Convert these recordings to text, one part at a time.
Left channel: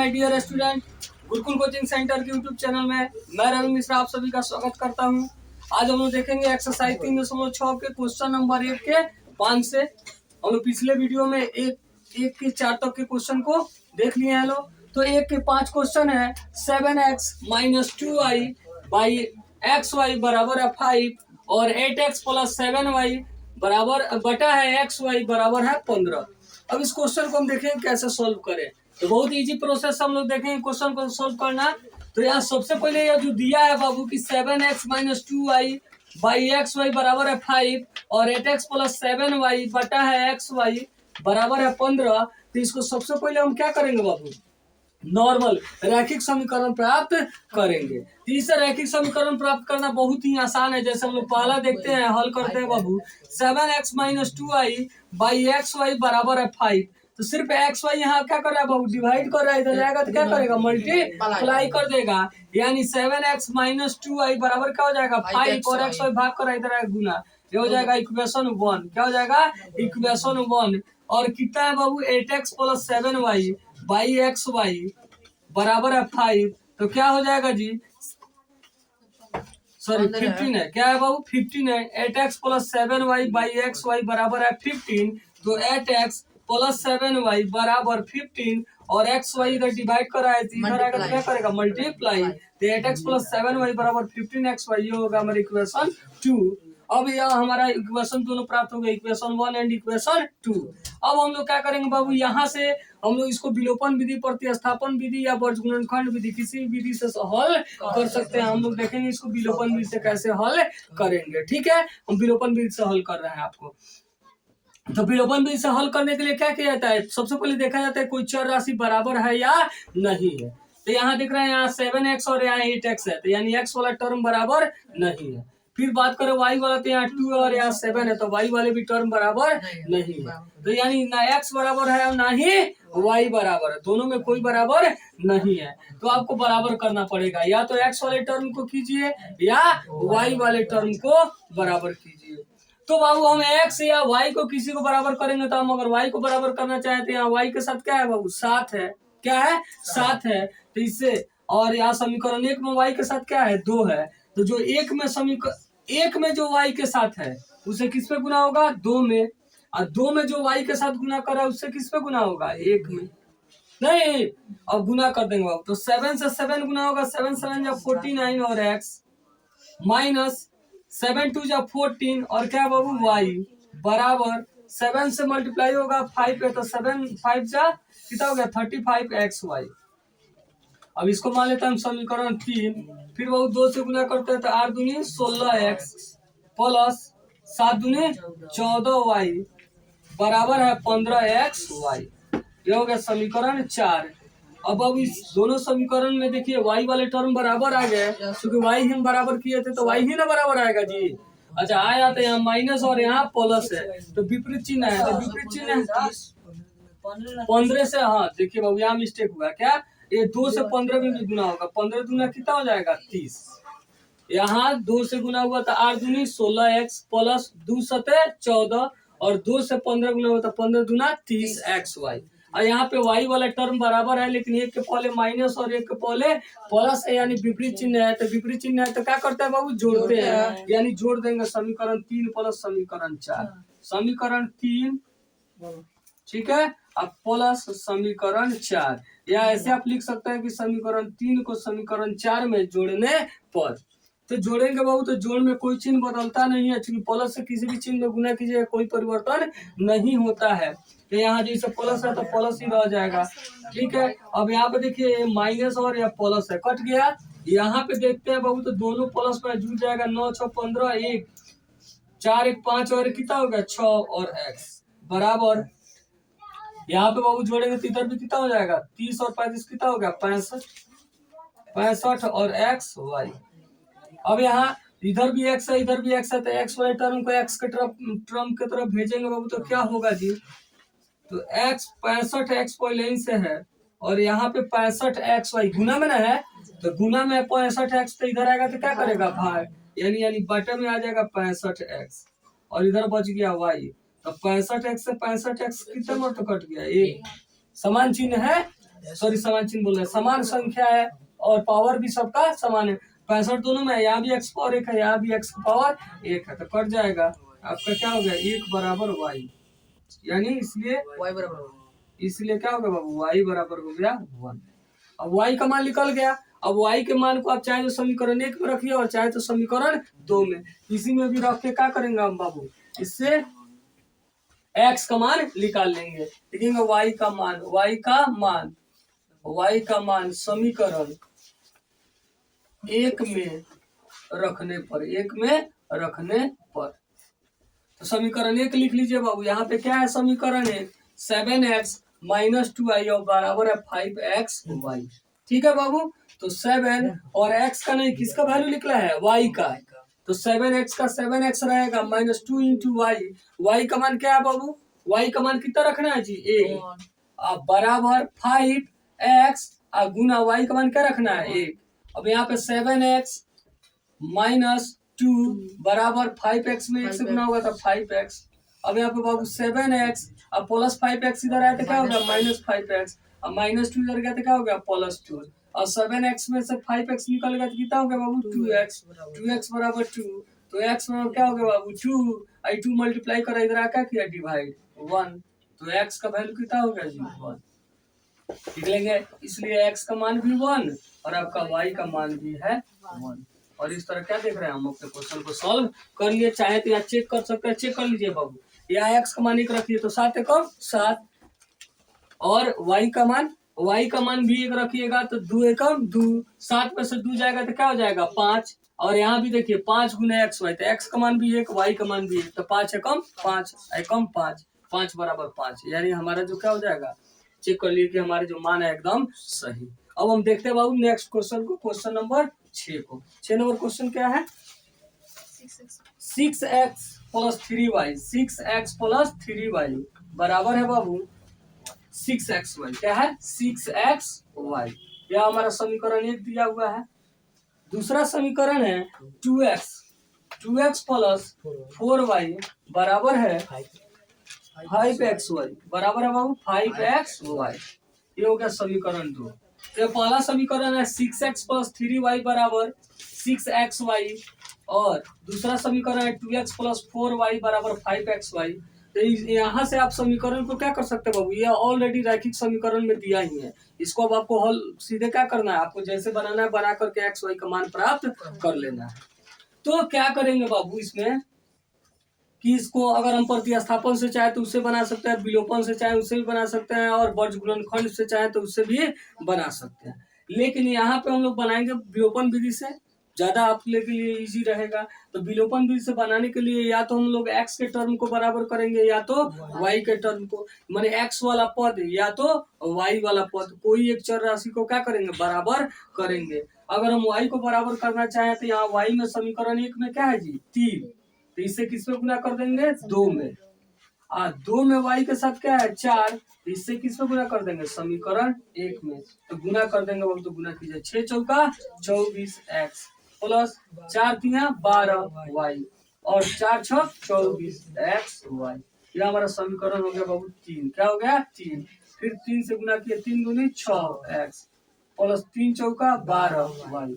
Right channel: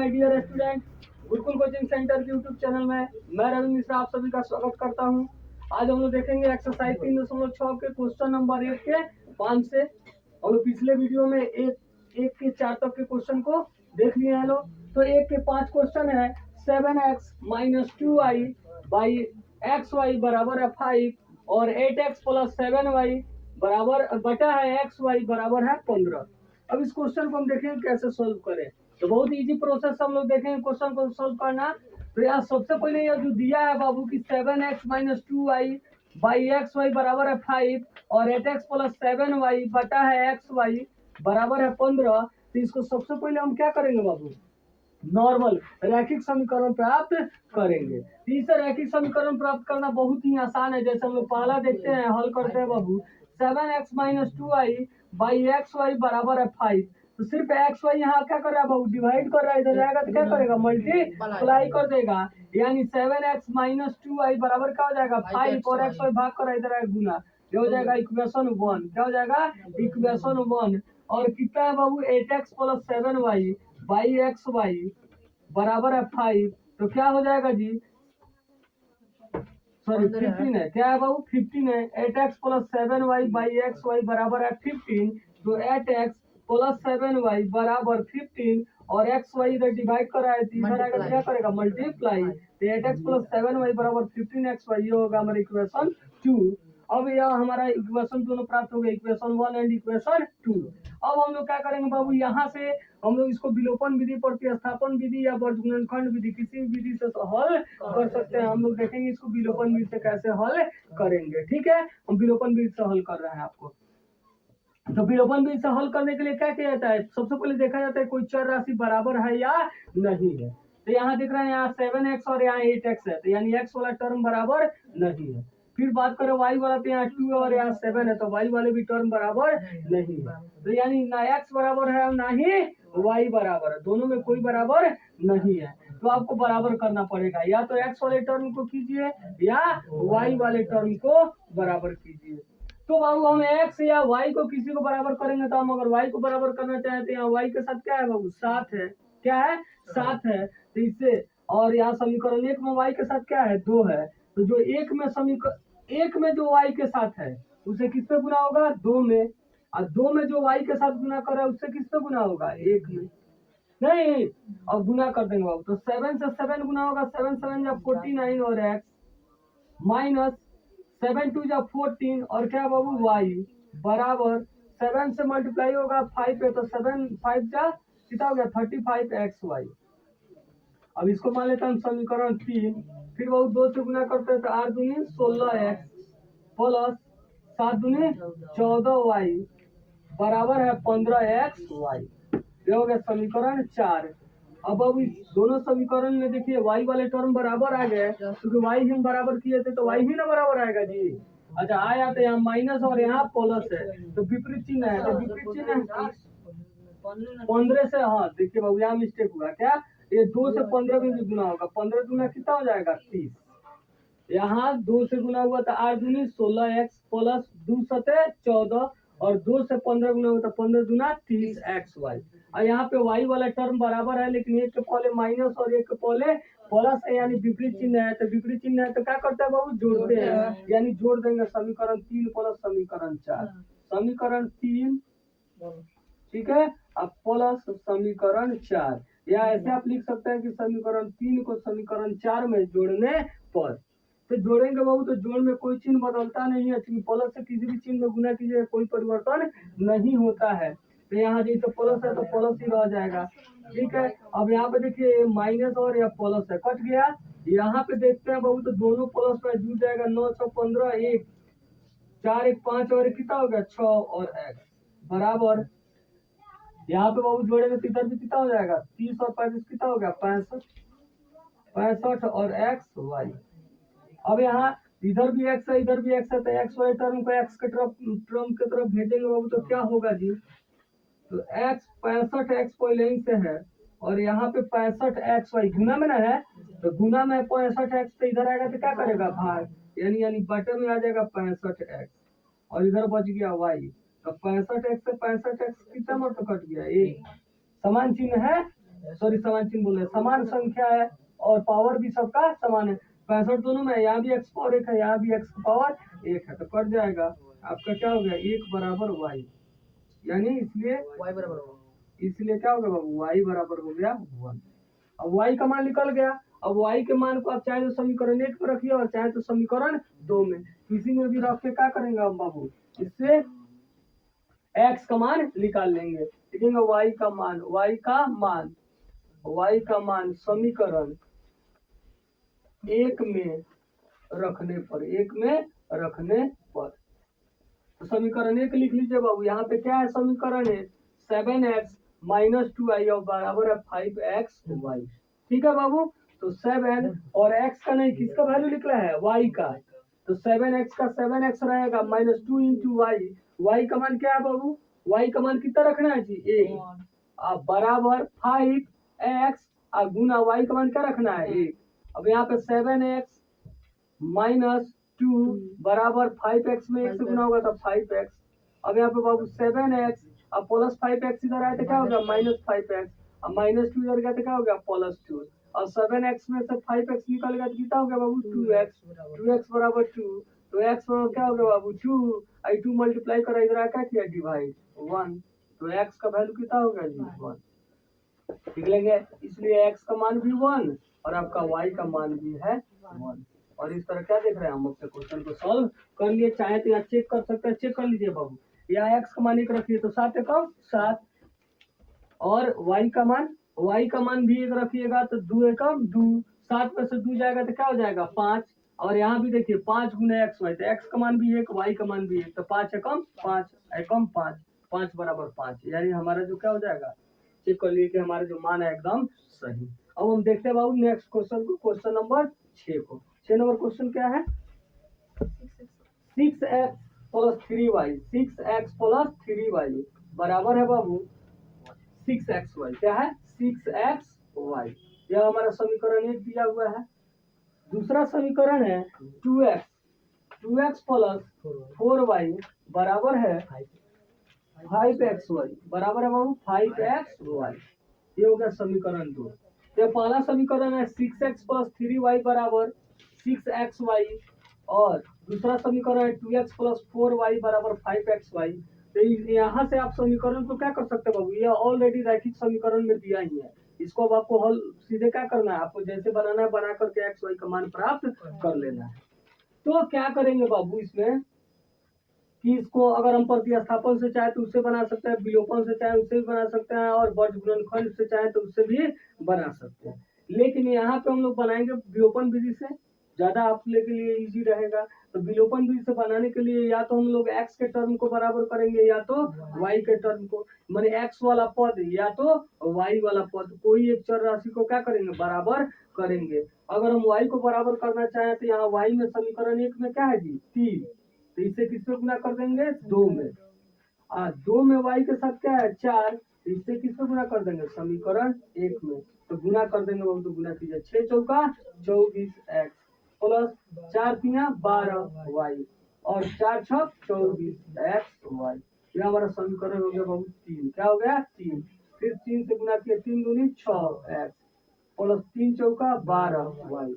My dear student, Gurukul coaching centre के YouTube channel में मैं रवि मिश्रा आप सभी का स्वागत करता हूं। आज हम लोग देखेंगे एक्सरसाइज 3.6 के क्वेश्चन नंबर 1 के 5 से। हम लोग पिछले वीडियो में एक के 4 तक के क्वेश्चन को देख लिए हैं लोग। तो 1 के 5 क्वेश्चन है 7x - 2y बाई xy बराबर है 5 और 8x + 7y बराबर बटा है xy बराबर है 15। अब इस क्वेश्चन को हम देखेंगे कैसे सॉल्व करें। तो बहुत इजी प्रोसेस हम लोग देखेंगे क्वेश्चन को सॉल्व करना। तो यहाँ सबसे पहले ये जो दिया है बाबू की 7x - 2y बाई xy बराबर है 5 और 8x + 7y बटा है xy बराबर है 15। तो इसको सबसे पहले हम क्या करेंगे बाबू, नॉर्मल रैखिक समीकरण प्राप्त करेंगे। तो इसे रैखिक समीकरण प्राप्त करना बहुत ही आसान है। जैसे हम लोग पहला देखते हैं, हल करते हैं बाबू। 7x - 2y बाई xy बराबर है 5। तो सिर्फ xy यहाँ क्या कर रहा है बाबू, डिवाइड कर रहा है। इधर जाएगा तो क्या करेगा, मल्टीप्लाई कर देगा। यानी 7x - 2y बराबर क्या हो जाएगा 5 और xy भाग कर इधर आएगा गुना। ये हो जाएगा इक्वेशन 1। क्या हो जाएगा, इक्वेशन 1। और कितना है बाबू 8x + 7y बाई xy बराबर है 5। तो क्या हो जाएगा जी, सॉरी 15 है। क्या है बाबू 15 है। 8x + 7y बाई xy बराबर है 15। तो 8x + 7y बराबर 15 और xy इधर डिवाइड कर रहा है, इधर आएगा तो क्या करेगा, मल्टीप्लाई। तो 8x + 7y बराबर 15xy, ये होगा हमारा इक्वेशन 2। अब यह हमारा इक्वेशन दोनों प्राप्त हो गए, इक्वेशन 1 एंड इक्वेशन 2। अब हम लोग क्या करेंगे बाबू, यहाँ से हम लोग इसको विलोपन विधि, प्रतिस्थापन विधि या वर्गगुणनखंड विधि, किसी भी विधि से हल कर सकते हैं। हम लोग देखेंगे इसको विलोपन विधि से कैसे हल करेंगे। ठीक है, हम विलोपन विधि से हल कर रहे हैं आपको। तो विलोपन विधि से हल करने के लिए क्या किया जाता है, सबसे पहले देखा जाता है कोई चर राशि बराबर है या नहीं है। तो यहाँ देख रहे हैं, यहाँ 7x और यहाँ 8x है, तो यानी x वाला टर्म बराबर नहीं है। फिर बात करें y वाला, तो यहाँ 2 और यहाँ 7 है, तो y वाले भी टर्म बराबर नहीं है। तो यानी ना x बराबर है और ना ही y बराबर है, दोनों में कोई बराबर नहीं है। तो आपको बराबर करना पड़ेगा, या तो x वाले टर्म को कीजिए या y वाले टर्म को बराबर कीजिए। तो बाबू हम x या y को किसी को बराबर करेंगे, तो हम अगर y को बराबर करना चाहें तो यहाँ y के साथ क्या है बाबू, 7 है। क्या है, 7 है। तो इससे, और यहाँ समीकरण 1 में y के साथ क्या है, 2 है। तो जो एक में एक में जो y के साथ है उसे किस पे गुना होगा, 2 में। और 2 में जो y के साथ गुना कर रहा है उससे किस पे गुना होगा, 1 में। नहीं, अब गुना कर देंगे बाबू। तो 7 से 7 गुना होगा, 7 7 जा 49 और x माइनस 7 2 जा 14 और क्या बाबू y बराबर 7 से मल्टीप्लाई होगा 5 पे, तो 7 5 जा कितना हो गया 35xy। अब इसको मान लेते हैं हम समीकरण 3। फिर बाबू 2 से गुना करते हैं, तो 8 दूनी 16x प्लस 7 दूनी 14y बराबर है 15xy। ये हो गया समीकरण 4। अब इस दोनों समीकरण में देखिए y वाले टर्म बराबर आ गए, क्योंकि y ही हम बराबर किए थे, तो y ही ना बराबर आएगा जी। अच्छा, आया तो यहाँ माइनस और यहाँ प्लस है, तो विपरीत चिन्ह है। तो विपरीत चिन्ह है 15 से, हाँ देखिए बाबू यहाँ मिस्टेक हुआ। क्या, ये 2 से 15 में भी गुना होगा, 15 दूना कितना हो जाएगा 30। यहाँ 2 से गुना हुआ तो 8 दूनी 16x प्लस 2 सते 14 और 2 से 15 गुना हुआ तो 15 दूना 30xy। और यहाँ पे y वाला टर्म बराबर है, लेकिन एक के पहले माइनस और एक के पहले प्लस है, यानी विपरीत चिन्ह है। तो विपरीत चिन्ह है तो क्या करते हैं बाबू, जोड़ते हैं। यानी जोड़ देंगे समीकरण 3 प्लस समीकरण 4, समीकरण 3 ठीक है, अब प्लस समीकरण 4। या ऐसे आप लिख सकते हैं कि समीकरण 3 को समीकरण 4 में जोड़ने पर। तो जोड़ेंगे बाबू, तो जोड़ में कोई चिन्ह बदलता नहीं है, क्योंकि प्लस से किसी भी चिन्ह में गुना कीजिए कोई परिवर्तन नहीं होता है। तो यहाँ जैसे प्लस है तो प्लस ही रह जाएगा। ठीक है, अब यहाँ पे देखिए माइनस और या प्लस है, कट गया। यहाँ पे देखते हैं बाबू, तो दोनों प्लस में जुड़ जाएगा, 9 6 15 1 4 1 5 और कितना हो गया 6 और x बराबर। यहाँ पे बाबू जोड़ेंगे तो इधर भी कितना हो जाएगा 30 और 35 कितना हो गया 65 और x y। अब यहाँ इधर भी x है इधर भी x है, तो x वाले टर्म को x के टर्म के तरफ भेजेंगे बाबू, तो क्या होगा जी, तो x 65x पहले से है और यहाँ पे 65xy गुना में ना है, तो गुना में 65x तो इधर आएगा तो क्या करेगा भाग, यानी बटे में आ जाएगा 65x और इधर बच गया y। तो 65x से 65x कितना मतलब कट गया, एक समान चिन्ह है सॉरी समान चिन्ह बोल रहे हैं, समान संख्या है और पावर भी सबका समान है। 65 दोनों में, यहाँ भी x पावर 1 है, यहाँ भी x पावर 1 है, तो कट जाएगा। आपका क्या हो गया 1 बराबर y, यानी इसलिए y बराबर इसलिए क्या हो गया बाबू y बराबर हो गया 1। अब y का मान निकल गया। अब y के मान को आप चाहे तो समीकरण 1 में रखिए और चाहे तो समीकरण 2 में, इसी में भी रख के क्या करेंगे हम बाबू, इससे x का मान निकाल लेंगे। लिखेंगे y का मान, y का मान समीकरण 1 में रखने पर, तो समीकरण 1 लिख लीजिए बाबू। यहाँ पे क्या है समीकरण 1, 7x माइनस 2y और बराबर है 5xy। ठीक है बाबू, तो 7 और x का नहीं, किसका वैल्यू निकला है y का, तो 7x का 7x रहेगा माइनस 2 इंटू वाई। वाई का मान क्या है बाबू, y का मान कितना रखना है जी 1, अब बराबर 5x गुना y का मान क्या रखना है 1। अब यहाँ पे 7x माइनस 2 बराबर 5x में 1 से गुना होगा तो 5x। अब यहाँ पे बाबू 7x अब प्लस 5x इधर आया तो क्या हो गया माइनस 5x, अब माइनस 2 इधर गया तो क्या हो गया प्लस 2, और 7x में से 5x निकल गया तो कितना हो गया बाबू 2x, 2x बराबर 2, तो x बराबर क्या हो गया बाबू 2, आई 2 मल्टीप्लाई करा इधर क्या किया डिवाइड 1, तो x का वैल्यू कितना हो गया जी 1। लिख लेंगे, इसलिए x का मान भी 1 और आपका y का मान भी है 1। और इस तरह क्या देख रहे हैं हम अपने क्वेश्चन को सॉल्व कर लिए। चाहे तो यहाँ चेक कर सकते हैं, चेक कर लीजिए बाबू। यहाँ x का मान 1 रखिए तो 7 एकम 7, और y का मान भी 1 रखिएगा तो 2 एकम 2, 7 में से 2 जाएगा तो क्या हो जाएगा 5, और यहाँ भी देखिए 5 गुना x y, तो x का मान भी 1 y का मान भी 1, तो 5 एकम 5 एकम 5, 5 बराबर 5, यानी हमारा जो क्या हो जाएगा, चेक कर लिए कि हमारे जो मान है एकदम सही। अब हम देखते हैं बाबू नेक्स्ट क्वेश्चन को, क्वेश्चन नंबर 6 को। 6 नंबर क्वेश्चन क्या है, 6x plus 3y, 6x plus 3y बराबर है बाबू 6xy। क्या है 6xy, यह हमारा समीकरण 1 दिया हुआ है। दूसरा समीकरण है 2x प्लस 4y बराबर है 5xy, बराबर है बाबू 5xy, ये हो गया समीकरण 2। तो पहला समीकरण है 6x प्लस 3y बराबर 6xy, और दूसरा समीकरण है 2x प्लस 4y बराबर 5xy। तो यहाँ से आप समीकरण को क्या कर सकते हैं बाबू, ये ऑलरेडी रैखिक समीकरण में दिया ही है, इसको अब आपको हल सीधे क्या करना है, आपको जैसे बनाना है बना करके एक्स वाई का मान प्राप्त कर लेना है। तो क्या करेंगे बाबू इसमें कि इसको अगर हम प्रतिस्थापन से चाहे तो उससे बना सकते हैं, विलोपन से चाहे उससे भी बना सकते हैं, और वर्ज गुणनखंड से चाहे तो उससे भी बना सकते हैं। लेकिन यहाँ पे हम लोग बनाएंगे विलोपन विधि से, ज्यादा आप लोग के लिए इजी रहेगा। तो विलोपन विधि से बनाने के लिए या तो हम लोग x के टर्म को बराबर करेंगे या तो y के टर्म को, माने x वाला पद या तो y वाला पद, कोई एक चर राशि को क्या करेंगे बराबर करेंगे। अगर हम y को बराबर करना चाहें तो यहाँ y में समीकरण 1 में क्या है जी 3, तो इससे किस में गुना कर देंगे 2 में, 2 में y के साथ क्या है 4, इससे किस में गुना कर देंगे समीकरण 1 में, तो गुना कर देंगे वो, तो गुना कीजिए 6 चौका 24x प्लस 4 तिया 12y और 4 छक 24xy, यह हमारा समीकरण हो गया बाबू 3। क्या हो गया 3, फिर 3 से गुना किए 3 दूनी 6x प्लस 3 चौका 12y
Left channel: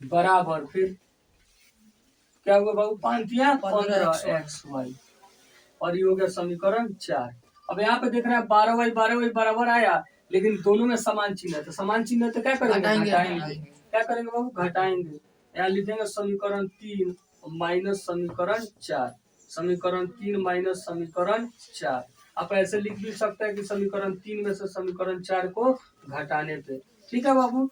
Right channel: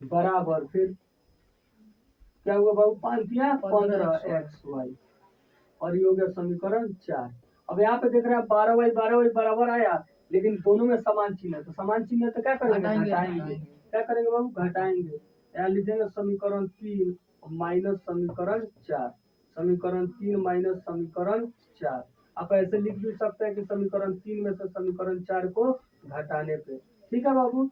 बराबर, फिर क्या हुआ बाबू 5 तिया 15xy, और ये हो गया समीकरण 4। अब यहाँ पे देख रहे हैं 12y बराबर आया, लेकिन दोनों में समान चिन्ह है, तो समान चिन्ह है तो क्या करेंगे घटाएंगे। क्या करेंगे बाबू घटाएंगे, यहाँ लिखेंगे समीकरण 3 माइनस समीकरण 4, समीकरण 3 माइनस समीकरण 4। आप ऐसे लिख भी सकते हैं कि समीकरण 3 में से समीकरण 4 को घटाने पे, ठीक है बाबू,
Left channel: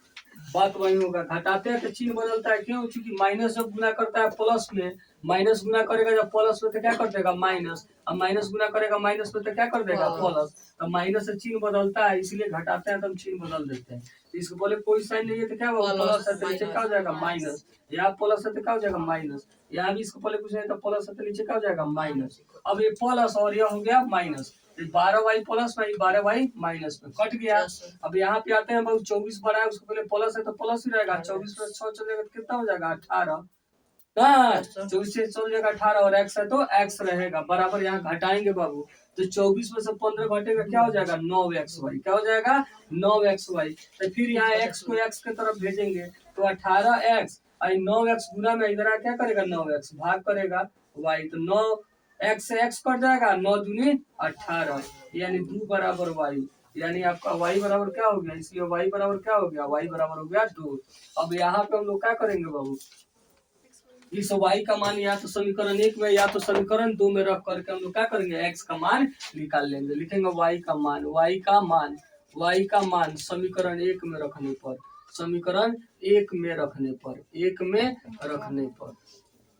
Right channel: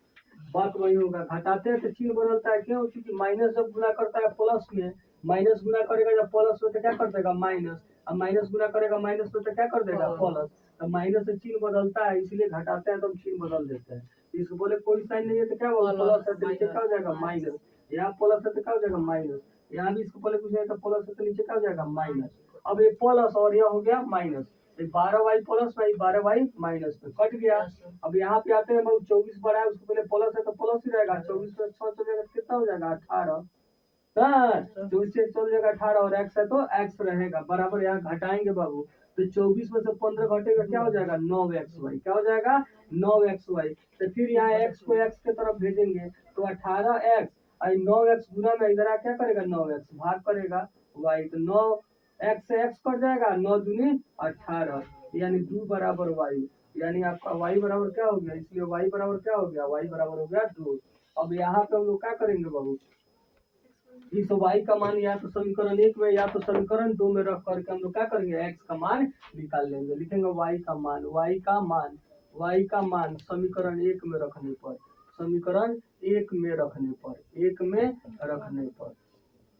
बात वही होगा। घटाते हैं तो चिन्ह बदलता है, क्यों, क्योंकि माइनस जब गुना करता है प्लस में, माइनस गुना करेगा जब प्लस में तो क्या कर देगा माइनस, अब माइनस गुना करेगा माइनस में तो क्या कर देगा प्लस, तो माइनस से चिन्ह बदलता है, इसलिए घटाते हैं तो हम चिन्ह बदल देते हैं। तो इसको बोले कोई साइन नहीं है तो क्या होगा प्लस है तो नीचे क्या हो जाएगा माइनस, यहाँ प्लस है तो क्या हो जाएगा माइनस, यहाँ भी इसको पहले कुछ नहीं तो प्लस है तो नीचे क्या हो जाएगा माइनस। अब ये प्लस और यह हो गया माइनस, 12y प्लस में 12y माइनस में कट गया। अब यहाँ पे आते हैं बहुत 24 बड़ा है, उसको पहले प्लस है तो प्लस ही रहेगा, 24 में 6 चलेगा तो कितना हो जाएगा 18, 24 से चल जाएगा 18, और x है तो x रहेगा बराबर, यहाँ घटाएंगे बाबू तो 24 में से 15 घटेगा, क्या हो जाएगा 9xy, क्या हो जाएगा 9xy। तो फिर यहाँ x को x के तरफ भेजेंगे तो 18x, 9x गुना में इधर आ क्या करेगा 9x भाग करेगा y, तो 9x से x कट जाएगा, 9 दूनी 18, यानी 2 बराबर y, यानी आपका y बराबर क्या हो गया, इसलिए y बराबर क्या हो गया, y बराबर हो गया 2। अब यहाँ पे हम लोग क्या करेंगे बाबू, इस y का मान या तो समीकरण 1 में या तो समीकरण 2 में रख करके हम लोग क्या करेंगे, x का मान निकाल लेंगे। लिखेंगे y का मान, y का मान समीकरण 1 में रखने पर, समीकरण 1 में रखने पर, 1 में रखने पर,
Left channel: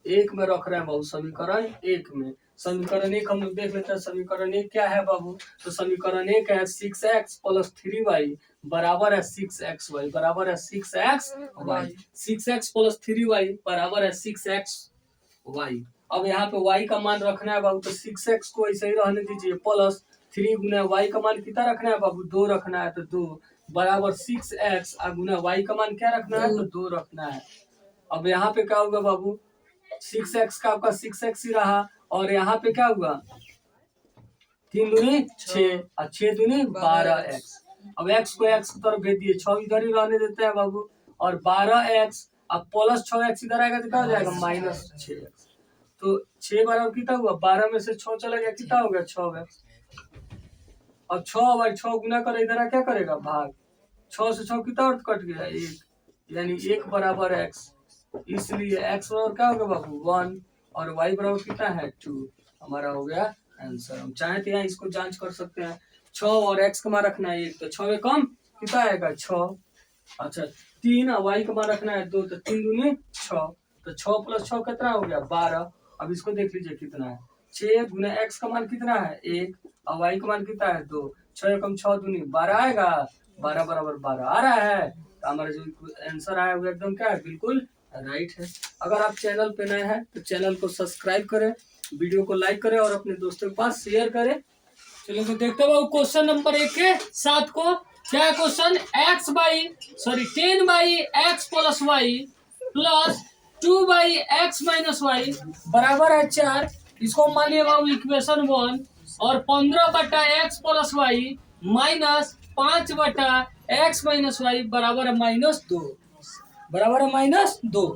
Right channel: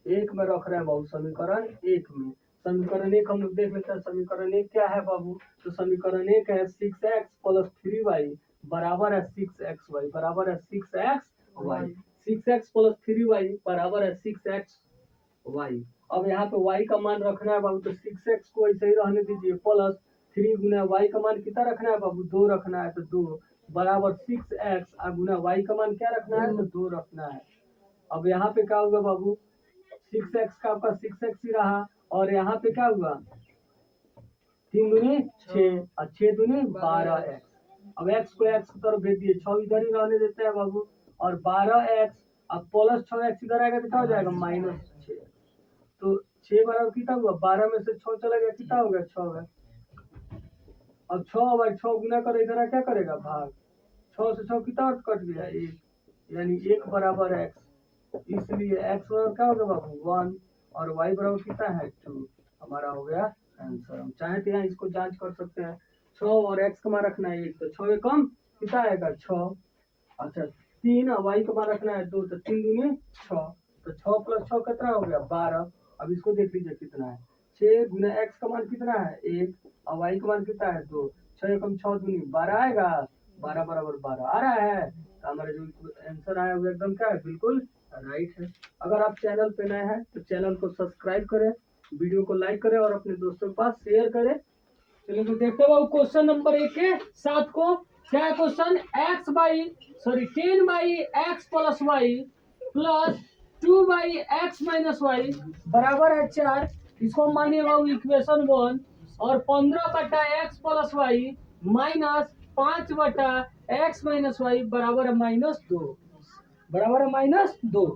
1 में रख रहे हैं बाबू, समीकरण 1 में। समीकरण 1 हम लोग देख लेते हैं, समीकरण 1 क्या है बाबू, तो समीकरण 1 है 6x प्लस 3y बराबर है 6xy, बराबर है 6xy, 6x प्लस 3y बराबर है 6xy। अब यहाँ पे y का मान रखना है बाबू, तो 6x को ऐसे ही रहने दीजिए, प्लस 3 गुना y का मान कितना रखना है बाबू, 2 रखना है, तो 2 बराबर 6x गुना y का मान क्या रखना है, तो 2 रखना है। अब यहाँ पे क्या होगा बाबू, 6x का आपका 6x ही रहा, और यहाँ पे क्या हुआ 3 दूनी 6 और 6 दूनी 12x। अब x को x की तरफ भेज दिए, 6 इधर ही रहने देते हैं बाबू, और 12x अब प्लस 6x इधर आएगा तो क्या हो जाएगा माइनस 6x। तो 6 बराबर कितना हुआ, 12 में से 6 चला गया, कितना हो गया 6x। अब 6 गुना कर इधर क्या करेगा भाग, 6 से 6 कितना अर्थ कट गया 1, यानी 1 बराबर x, इसलिए x बराबर क्या होगा बाबू 1 और y बराबर कितना है 2, हमारा हो गया आंसर। हम चाहे तो यहाँ इसको जांच कर सकते हैं, 6 और x का मान रखना है 1, तो 6 में कम कितना आएगा 6, अच्छा 3 y का मान रखना है 2, तो 3 दूनी 6, तो 6 प्लस 6 कितना हो गया 12। अब इसको देख लीजिए कितना है, 6 गुना x का मान कितना है 1 और y का मान कितना है 2, 6 कम 6 दूनी 12 आएगा, 12 बराबर 12 आ रहा है, तो हमारा जो आंसर आया वो एकदम क्या है, बिल्कुल राइट है। अगर आप चैनल पे नए हैं तो चैनल को सब्सक्राइब करें, वीडियो को लाइक करें और अपने दोस्तों के पास शेयर करें। चलिए तो देखते हैं क्वेश्चन नंबर 1 के 7 को, क्या है question, 10/x plus y plus 2/x minus y बराबर है 4। इसको मान लिया बाबू इक्वेशन 1, और 15/x plus y minus 5/x minus y बराबर है -2, बराबर है -2।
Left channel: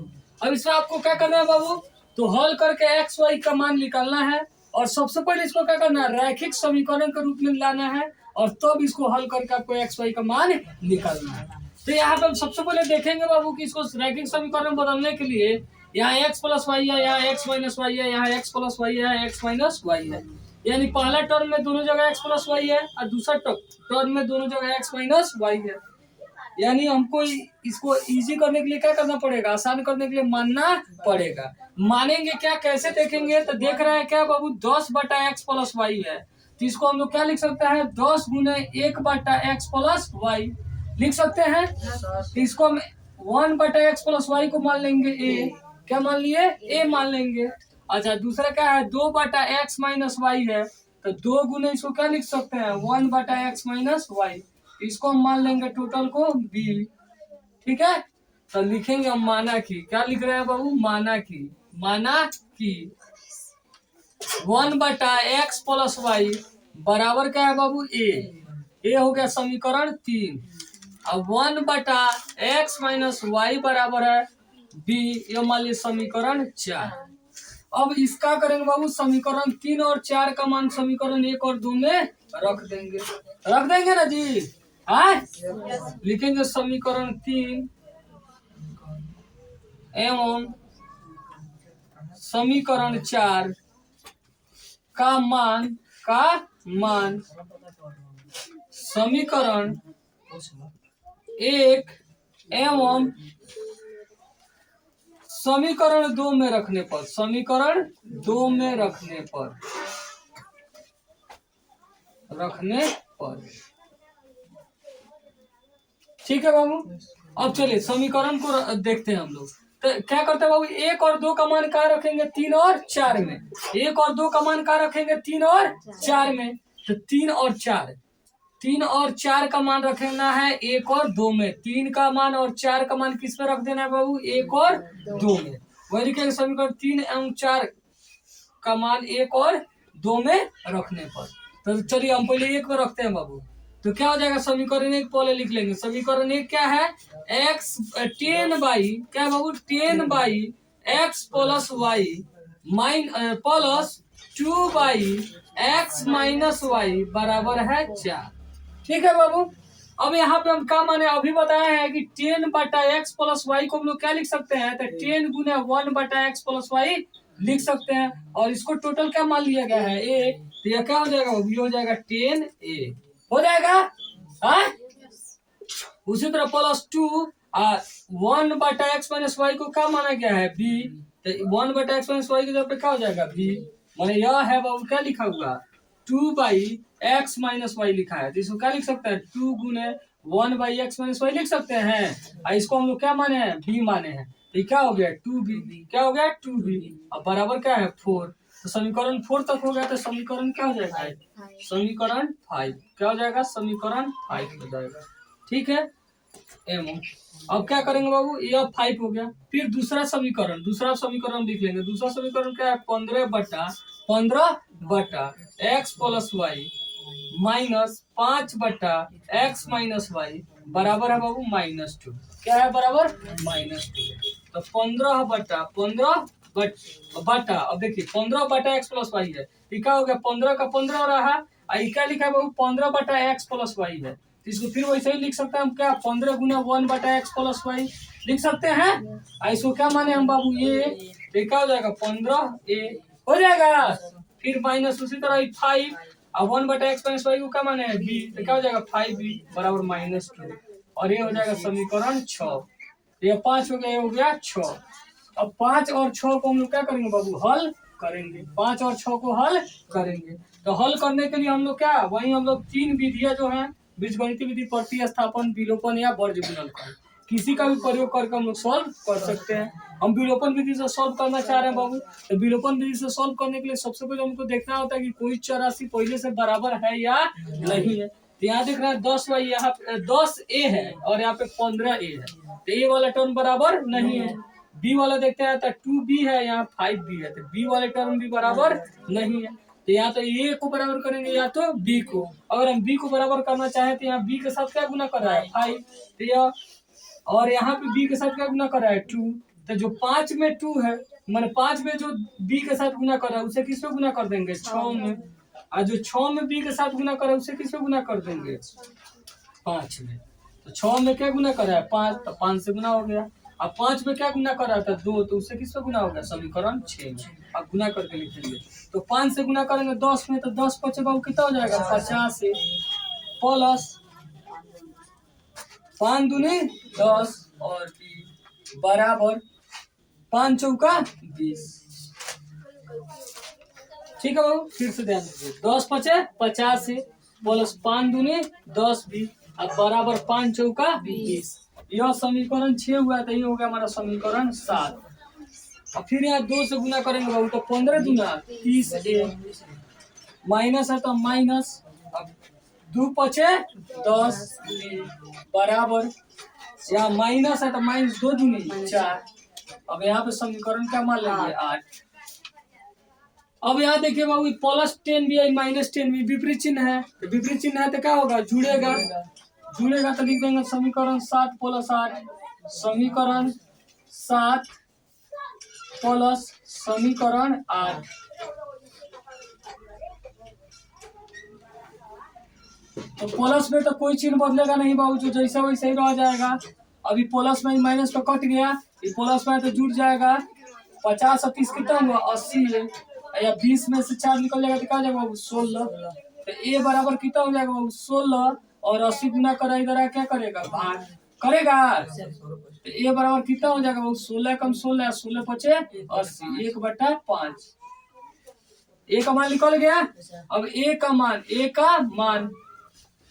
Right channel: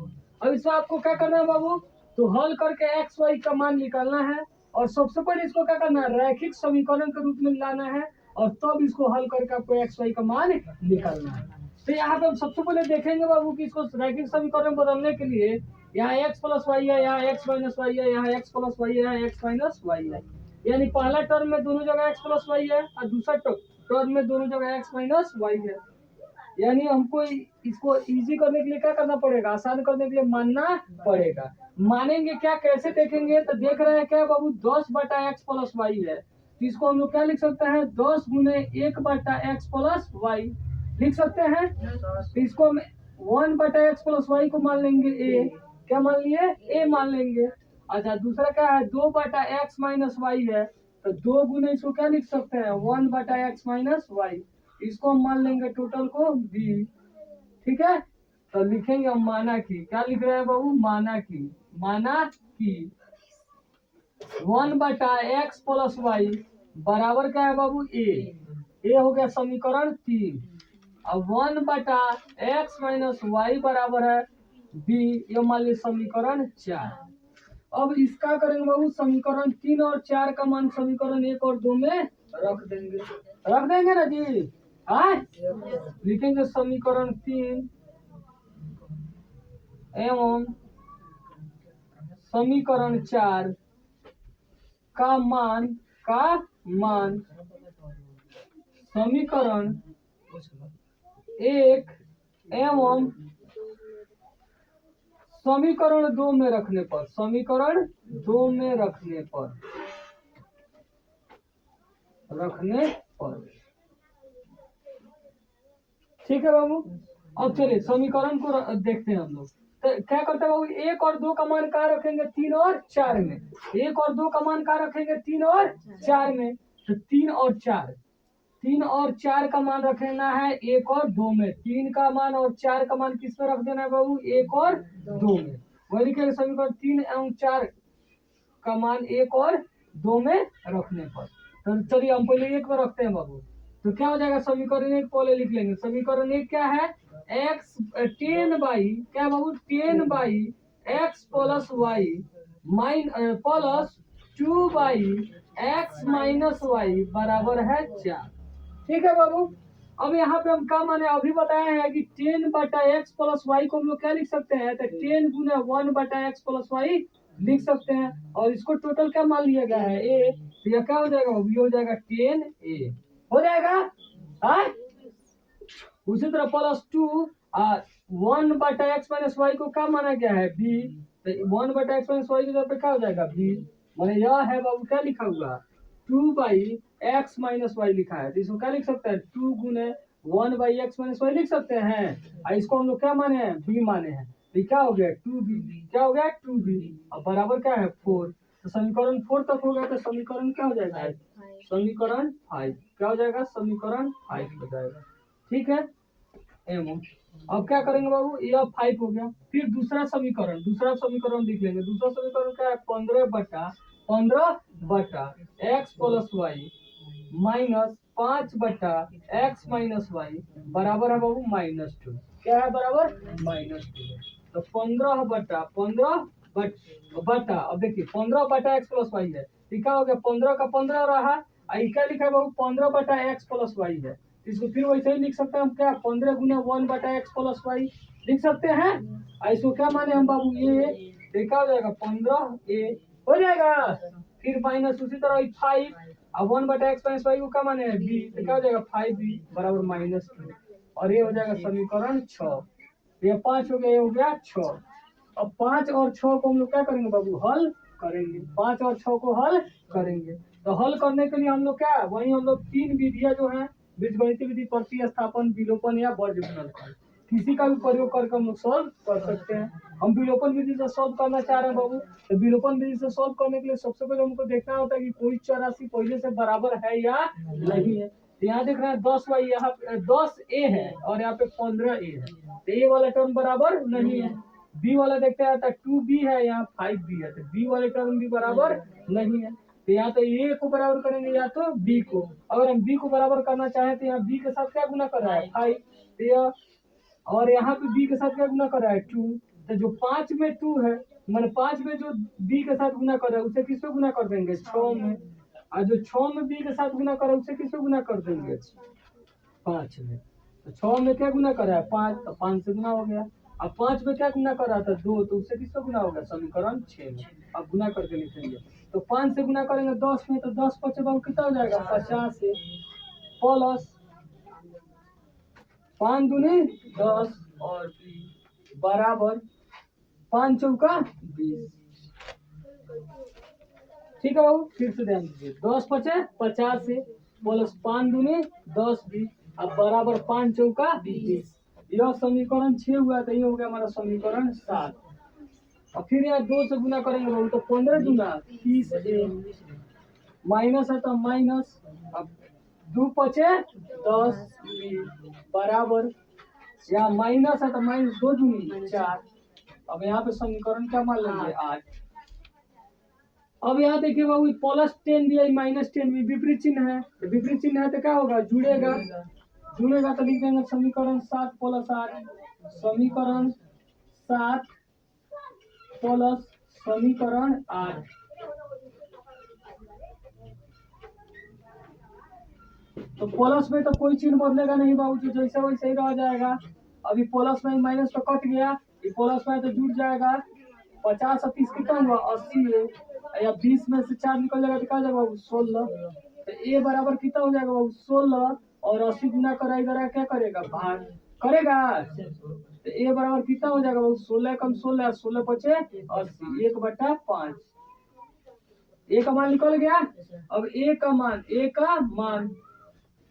अब इसमें आपको क्या करना है बाबू, तो हल करके एक्स वाई का मान निकालना है, और सबसे पहले इसको क्या करना है, रैखिक समीकरण के रूप में लाना है, और तब इसको हल करके आपको एक्स वाई का मान निकालना है। तो यहाँ पे हम सबसे पहले देखेंगे बाबू कि इसको रैखिक समीकरण बदलने के लिए यहाँ एक्स प्लस वाई है, यहाँ एक्स माइनस वाई है, यहाँ एक्स प्लस वाई है, यहाँ एक्स माइनस वाई है, यानी पहला टर्म में दोनों जगह एक्स प्लस वाई है और दूसरा टर्म में दोनों जगह एक्स माइनस वाई है। यानी हमको इसको इजी करने के लिए क्या करना पड़ेगा, आसान करने के लिए मानना पड़ेगा। मानेंगे क्या, कैसे देखेंगे, तो देख रहे हैं क्या बाबू 10/x प्लस वाई है, तो इसको हम लोग क्या लिख सकते हैं 10 गुने 1/x प्लस वाई लिख सकते हैं। तो इसको हम 1/x प्लस वाई को मान लेंगे a, क्या मान लिए a मान लेंगे। अच्छा दूसरा क्या है 2/x माइनस वाई है, तो 2 गुने इसको क्या लिख सकते हैं 1/x माइनस वाई, इसको हम मान लेंगे टोटल को b, ठीक है। तो लिखेंगे हम माना की, क्या लिख रहे हैं बाबू माना की 1/x प्लस वाई बराबर क्या है बाबू a हो गया समीकरण 3। अब 1/x माइनस वाई बराबर है b, ये मान लीजिए समीकरण 4। अब इसका करेंगे बाबू समीकरण 3 और 4 का मान समीकरण 1 और 2 में रख देंगे ना जी, लिखेंगे समीकरण 3 एवं समीकरण 4 का मान समीकरण 1 एवं समीकरण 2 में रखने पर, समीकरण 2 में रखने पर ठीक है बाबू। अब चलिए समीकरण को देखते हैं हम लोग, तो क्या करते हैं बाबू 1 और 2 का मान कहाँ रखेंगे 3 और 4 में, 1 और 2 का मान कहाँ रखेंगे 3 और 4 में, तो 3 और 4 का मान रखना है 1 और 2 में, 3 का मान और 4 का मान किस पे रख देना है बाबू 1 और 2 में। वही लिखेंगे समीकरण 3 एवं 4 का मान 1 और 2 में रखने पर। तो चलिए हम पहले एक पर रखते हैं बाबू। तो क्या हो जाएगा, समीकरण एक पहले लिख लेंगे। समीकरण एक क्या है, एक्स 10 बाई क्या है बाबू, 10 by x plus y plus 2 by x minus y बराबर है 4। ठीक है बाबू। अब यहाँ पे हम क्या माने, अभी बताया है कि 10/x प्लस वाई को हम लोग क्या लिख सकते हैं, तो 10 गुने 1/x प्लस वाई लिख सकते हैं। और इसको टोटल क्या मान लिया गया है, ए। तो यह क्या हो जाएगा, ये हो जाएगा 10a हो जाएगा। हाँ? उसी तरह प्लस 1/x माइनस वाई को क्या माना गया है, बी। तो 1/x माइनस वाई की जगह पे क्या हो जाएगा, बी। माने यह है बाबू क्या लिखा हुआ, 2/x माइनस वाई लिखा है। तो इसको क्या लिख सकते हैं, 2 गुने 1/x माइनस वाई लिख सकते हैं। और इसको हम लोग क्या माने हैं, बी माने हैं। तो क्या हो गया 2b, क्या हो गया 2b। अब बराबर क्या है 4। तो समीकरण 4 तक हो गया। तो समीकरण क्या हो जाएगा, समीकरण 5 क्या हो जाएगा, समीकरण 5 हो जाएगा। ठीक है एमो। अब क्या करेंगे बाबू, यह 5 हो गया। फिर दूसरा समीकरण लिख लेंगे। दूसरा समीकरण क्या है, 15/x plus y minus 5/x minus y बराबर है बाबू -2। क्या है बराबर -2। तो 15/15 अब देखिए 15/x प्लस वाई है। ये क्या हो गया, 15 का 15 रहा। क्या लिखा है बाबू, 15/x प्लस वाई है। इसको फिर वैसे ही लिख सकते हैं हम, क्या 15 गुना 1/x प्लस वाई लिख सकते हैं। इसको क्या माने हम बाबू, ये क्या हो जाएगा 15a हो जाएगा। फिर माइनस उसी तरह 5 अब 1/x माइनस वाई को क्या माने हैं, b। तो क्या हो जाएगा 5b बराबर -2। और ये हो जाएगा समीकरण 6। ये 5 हो गया, ये हो गया 6। अब 5 और 6 को हम लोग क्या करेंगे बाबू, हल करेंगे। 5 और 6 को हल करेंगे। तो हल करने के लिए हम लोग क्या, वही हम लोग 3 विधियां जो है, बीजगणितीय विधि, प्रतिस्थापन, विलोपन या वर्ग गुणनफल, किसी का भी प्रयोग करके हम लोग सॉल्व कर सकते हैं। हम विलोपन विधि से सॉल्व करना चाह रहे हैं बाबू। तो विलोपन विधि से सॉल्व करने के लिए सबसे पहले हमको देखना होता है कि कोई चर राशि पहले से बराबर है या नहीं है। तो यहाँ देख रहे हैं 10y, यहाँ 10a है और यहाँ पे 15a है। तो ए वाला टर्म बराबर नहीं है। बी वाला देखते हैं तो 2b है, यहाँ 5b है। तो बी वाले टर्म भी बराबर नहीं है। तो या तो ए को बराबर करेंगे या तो बी को। अगर हम बी को बराबर करना चाहें तो यहाँ बी के साथ क्या गुना कर रहा है 5। तो यह और यहाँ पे बी के साथ क्या गुना कर रहा है 2। तो जो 5 में 2 है, मैंने 5 में जो बी के साथ गुना कर रहा है उसे किस पे गुना कर देंगे, 6 में। और जो 6 में बी के साथ गुना कर रहा है उसे किस पे गुना कर देंगे, 5 में। तो 6 में क्या गुना कर रहा है 5, तो 5 से गुना हो गया। अब 5 में क्या गुना कर रहा था 2, तो उससे किस पे गुना हो गया, समीकरण 6 में। अब गुना करके लिखेंगे। तो 5 से गुना करेंगे 10 में, तो 10 5 बाबू कितना हो जाएगा 50 से प्लस 5 दूनी 10 और b बराबर 5 चौका 20। ठीक है बाबू, फिर से ध्यान दीजिए। 10 5 50 से प्लस 5 दूनी 10 भी अब बराबर 5 चौका 20। यह समीकरण 6 हुआ। तो ये हो गया हमारा समीकरण 7। अब फिर यहाँ 2 से गुना करेंगे बाबू, तो 15 दूना 30a माइनस है तो माइनस, अब 2 5 10 बराबर, यहाँ माइनस है तो -2 दूनी 4। अब यहाँ पे समीकरण क्या मान लेंगे 8। अब यहाँ देखिए बाबू प्लस 10 भी है माइनस 10 भी विपरीत चिन्ह है। तो विपरीत चिन्ह है तो क्या होगा, जुड़ेगा। तो लिख देंगे समीकरण 7 प्लस 8, समीकरण 7 प्लस समीकरण 8। तो प्लस में तो कोई चिन्ह बदलेगा नहीं बाबू, जो जैसा वैसे ही रह जाएगा। अभी प्लस में माइनस तो कट गया, ये प्लस में तो जुड़ जाएगा। 50 और 30 कितना हुआ 80 है, या 20 में से 4 निकल जाएगा तो क्या जाएगा बाबू 16। तो ए बराबर कितना हो जाएगा बाबू 16 और 80 गुना करा इधर क्या करेगा भाग करेगा। तो ए बराबर कितना हो जाएगा बाबू 16 कम 16 16 पचे 80 1/5। ए का मान निकल गया। अब ए का मान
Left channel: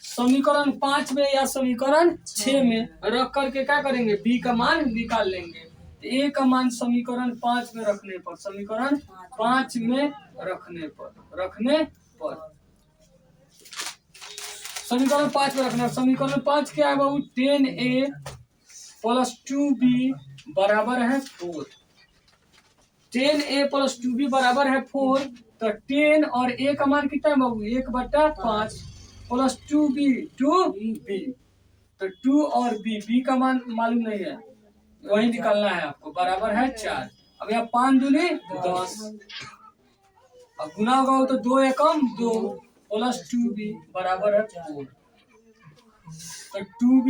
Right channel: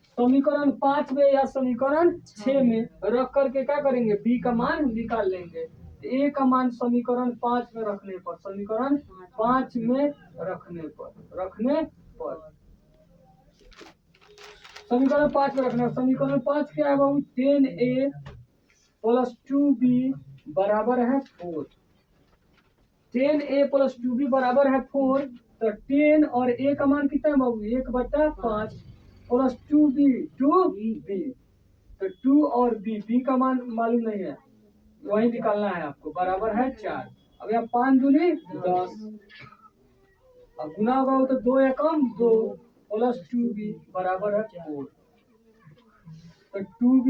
समीकरण 5 में या समीकरण 6 में रख करके क्या करेंगे, बी का मान निकाल लेंगे। ए का मान समीकरण 5 में रखने पर, समीकरण 5 में रखने पर समीकरण 5 में रखना। समीकरण 5 क्या है बाबू 10a प्लस 2b बराबर है 4। 10a प्लस 2b बराबर है 4। तो 10 और a का मान कितना है बाबू 1/5 प्लस 2b तो 2 और b का मान मालूम नहीं है, वही निकालना है आपको, बराबर है 4। अब यहाँ 5 दूनी 10, अब गुना होगा तो 2 एकम 2 प्लस 2b बराबर है 4। तो 2b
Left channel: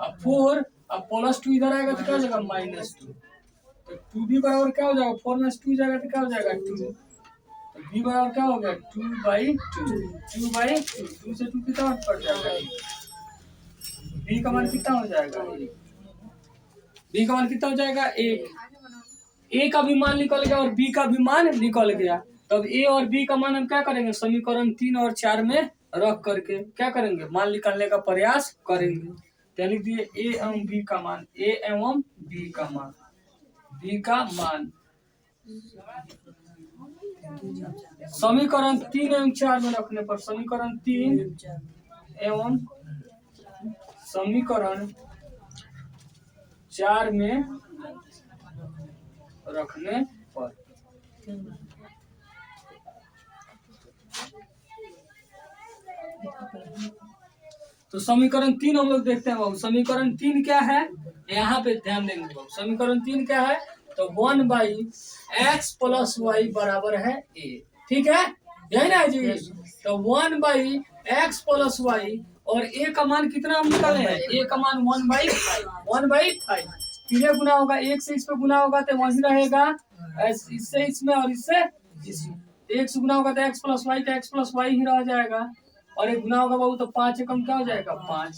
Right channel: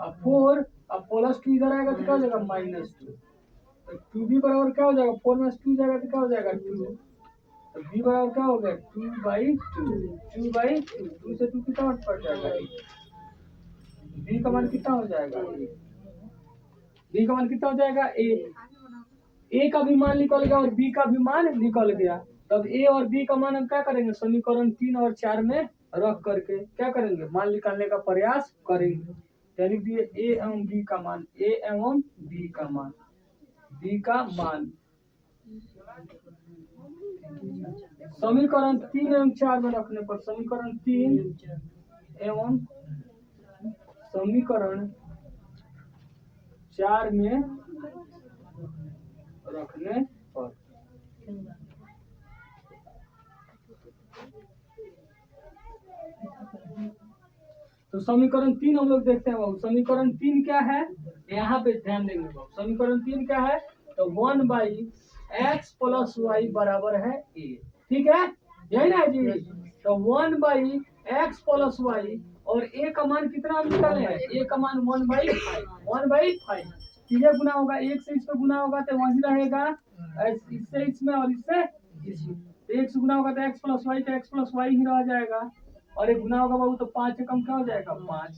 अब 4 अब प्लस 2 इधर आएगा तो क्या हो जाएगा -2। तो 2b बराबर क्या हो जाएगा 4 में 2 जाएगा तो क्या हो जाएगा 2। तो b बराबर क्या हो गया 2/2 2 से 2 कितना पड़ जाएगा, b का मान कितना हो जाएगा, b का मान कितना हो जाएगा 1। a का भी मान निकल गया और b का भी मान निकल गया। तब a और b का मान हम क्या करेंगे, समीकरण 3 और 4 में रख करके क्या करेंगे, मान निकालने का प्रयास करेंगे। तो लिख दिए a एवं b का मान, a एवं b का मान, b का मान समीकरण 3 एवं 4 में रखने पर, समीकरण 3 एवं समीकरण 4 में रखने पर तो समीकरण 3 हम लोग देखते हैं बाबू। समीकरण 3 क्या है, यहाँ पे ध्यान देंगे बाबू। समीकरण 3 क्या है, तो 1/x + y बराबर है a, ठीक है, यही ना जी। तो 1/x + y और a का मान कितना हम निकाले हैं, a का मान 1/5 कितने गुना होगा, 1 से इस पे गुना होगा तो वही रहेगा, इससे इसमें और इससे इसमें, 1 से गुना होगा तो x + y तो x + y ही रह जाएगा, और एक गुना होगा बाबू तो 5 एकम क्या हो जाएगा 5।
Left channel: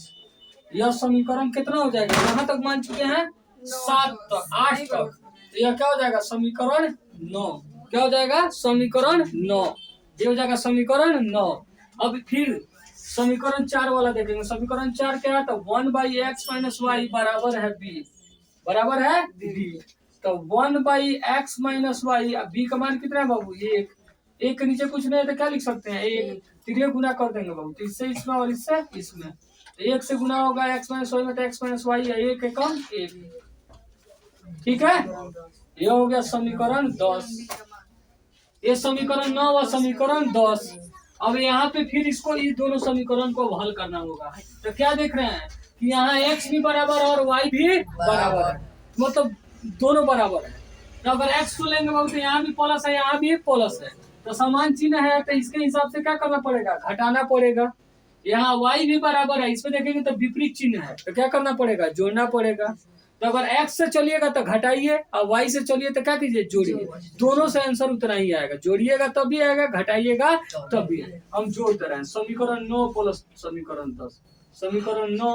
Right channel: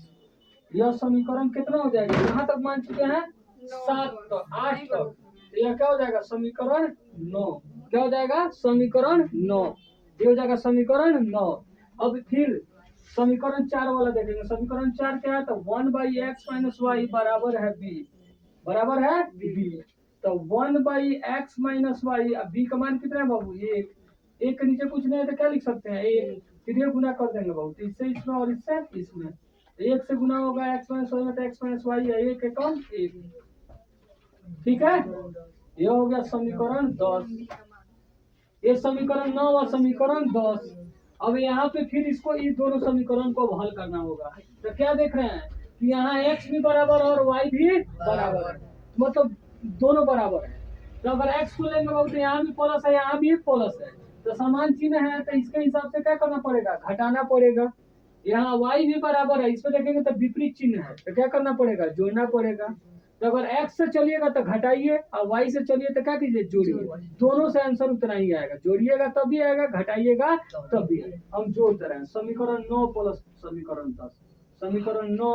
यह समीकरण कितना हो जाएगा, यहाँ तक मान चुके हैं 7 तक 8 तक, तो यह क्या हो जाएगा समीकरण 9, क्या हो जाएगा समीकरण 9, ये हो जाएगा समीकरण 9। अब फिर समीकरण 4 वाला देखेंगे। समीकरण 4 क्या है, तो 1/x - y बराबर है b, बराबर है b। तो 1/x - y, अब b का मान कितना है बाबू 1, 1 के नीचे कुछ नहीं है तो क्या लिख सकते हैं 1, तीन गुना कर देंगे बाबू, तो इससे इसमें और इससे इसमें, तो 1 से गुना होगा x - y में तो x - y है 1 एकम 1, ठीक है, ये हो गया समीकरण 10। ये समीकरण 9 और समीकरण 10। अब यहाँ पे फिर इसको ये दोनों समीकरण को हल करना होगा। तो क्या देख रहे हैं कि यहाँ x भी बराबर और y भी बराबर है, मतलब दोनों बराबर है। तो अगर x को लेंगे बाबू तो यहाँ भी प्लस है यहाँ भी प्लस है, तो समान चिन्ह है तो इसके हिसाब से क्या करना पड़ेगा, घटाना पड़ेगा। यहाँ y भी बराबर है, इसमें देखेंगे तो विपरीत चिन्ह है, तो क्या करना पड़ेगा, जोड़ना पड़ेगा। तो अगर x से चलिएगा तो घटाइए और y से चलिए तो क्या कीजिए जोड़िए, दोनों से आंसर उतना ही आएगा, जोड़िएगा तब भी आएगा, घटाइएगा तब भी आएगा। हम जोड़ते रहे, समीकरण 9 प्लस समीकरण 10, समीकरण 9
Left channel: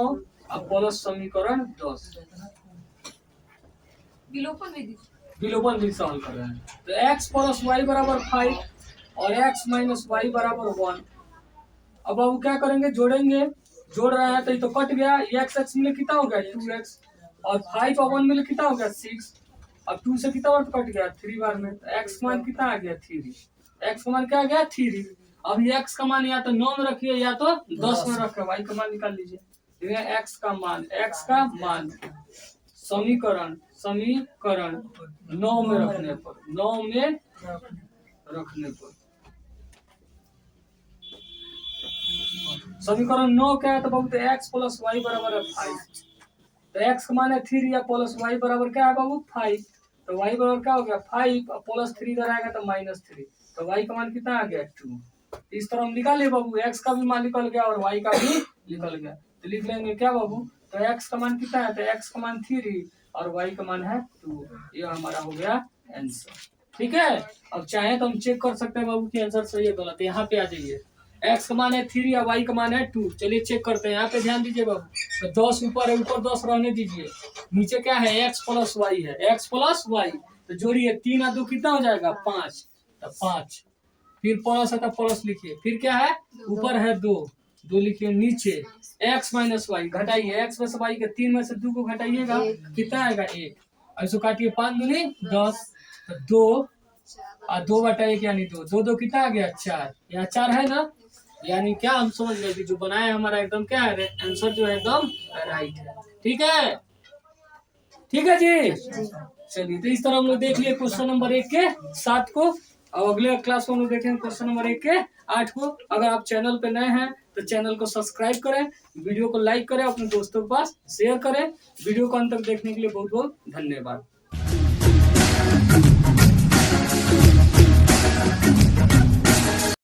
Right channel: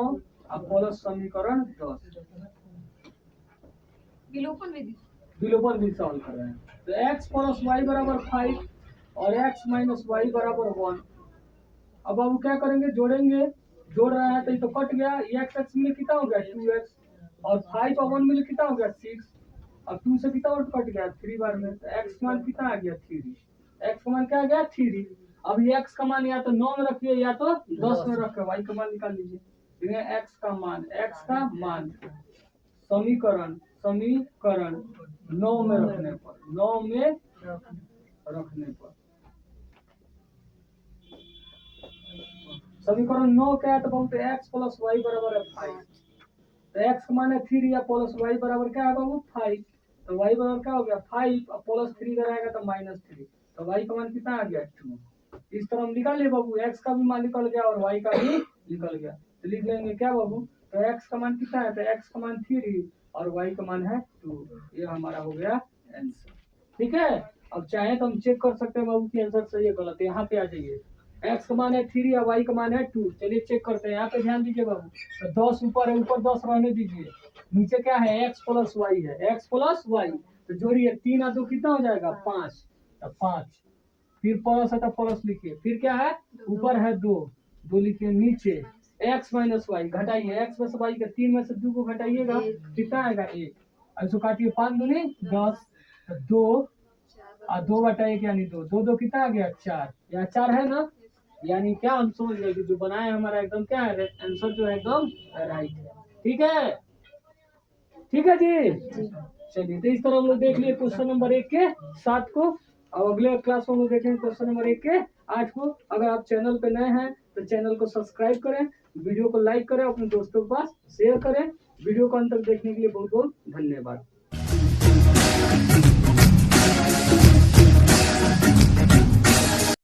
और प्लस समीकरण 10, विलोपन विधि से हल कर रहे हैं। तो x + y बराबर 5 और x - y बराबर 1। अब हम क्या करेंगे, जोड़ेंगे, जोड़ रहे हैं तो ये तो कट गया, x मिले कितना हो गया 2x, और 5 और 1 मिले कितना हो गया 6, अब 2 से कितना बार कट गया 3 बार में, तो x का मान कितना आ गया 3, x का मान क्या आ गया 3। अब ये x का मान या तो 9 में रखिए या तो 10 में रखिए, y का मान निकाल लीजिए। x का मान समीकरण 9 में रखने पर, 9 में रखने पर समीकरण 9 क्या है, तो बहुत x + y बराबर है 5। तो x का मान है 3 या प्लस y बराबर क्या है बाबू 5, तो y बराबर क्या हो गया 5 और प्लस 3 इधर आएगा तो -3, तो y का मान कितना आ गया 2। इस तरह हम निकाल लिए बाबू, x का भी मान निकल गया और y का भी निकल गया, तो लिख लेंगे क्या बाबू, तो x का मान कितना है, तो x का मान 3 और y का मान है 2, ये हमारा हो गया आंसर, ठीक है। अब चाहे तो हम चेक कर सकते हैं बाबू की आंसर सही है गलत, यहाँ पे आ जाइए, x का मान है 3 और y का मान है 2, चलिए चेक करते हैं। यहाँ पे ध्यान दीजिए बाबू, तो 10 ऊपर है, ऊपर 10 रहने दीजिए, नीचे क्या है x + y है, x + y, तो जोड़िए 3 और 2 कितना हो जाएगा 5, तो 5, फिर प्लस है तो प्लस लिखिए, फिर क्या है ऊपर है 2 लिखिए, नीचे x - y घटाइए, x में से y के 3 में से 2 को घटाइएगा कितना आएगा 1, ऐसे काटिए 5 दूनी 10, तो 2 और 2/1 यानी 2, 2 2 कितना आ गया 4, यहाँ 4 है ना, यानी क्या हम समझ गए कि जो बनाया हमारा एकदम क्या है आंसर जो है एकदम राइट है, ठीक है, ठीक है जी। चलिए तो इस तरह हम लोग देख लिए क्वेश्चन नंबर 1 के 7 को। अब अगले क्लास में हम लोग देखेंगे क्वेश्चन नंबर 1 के 8 को। अगर आप चैनल पे नए हैं तो चैनल को सब्सक्राइब करें, वीडियो को लाइक करें, अपने दोस्तों के पास शेयर करें। वीडियो को अंत तक देखने के लिए बहुत बहुत धन्यवाद।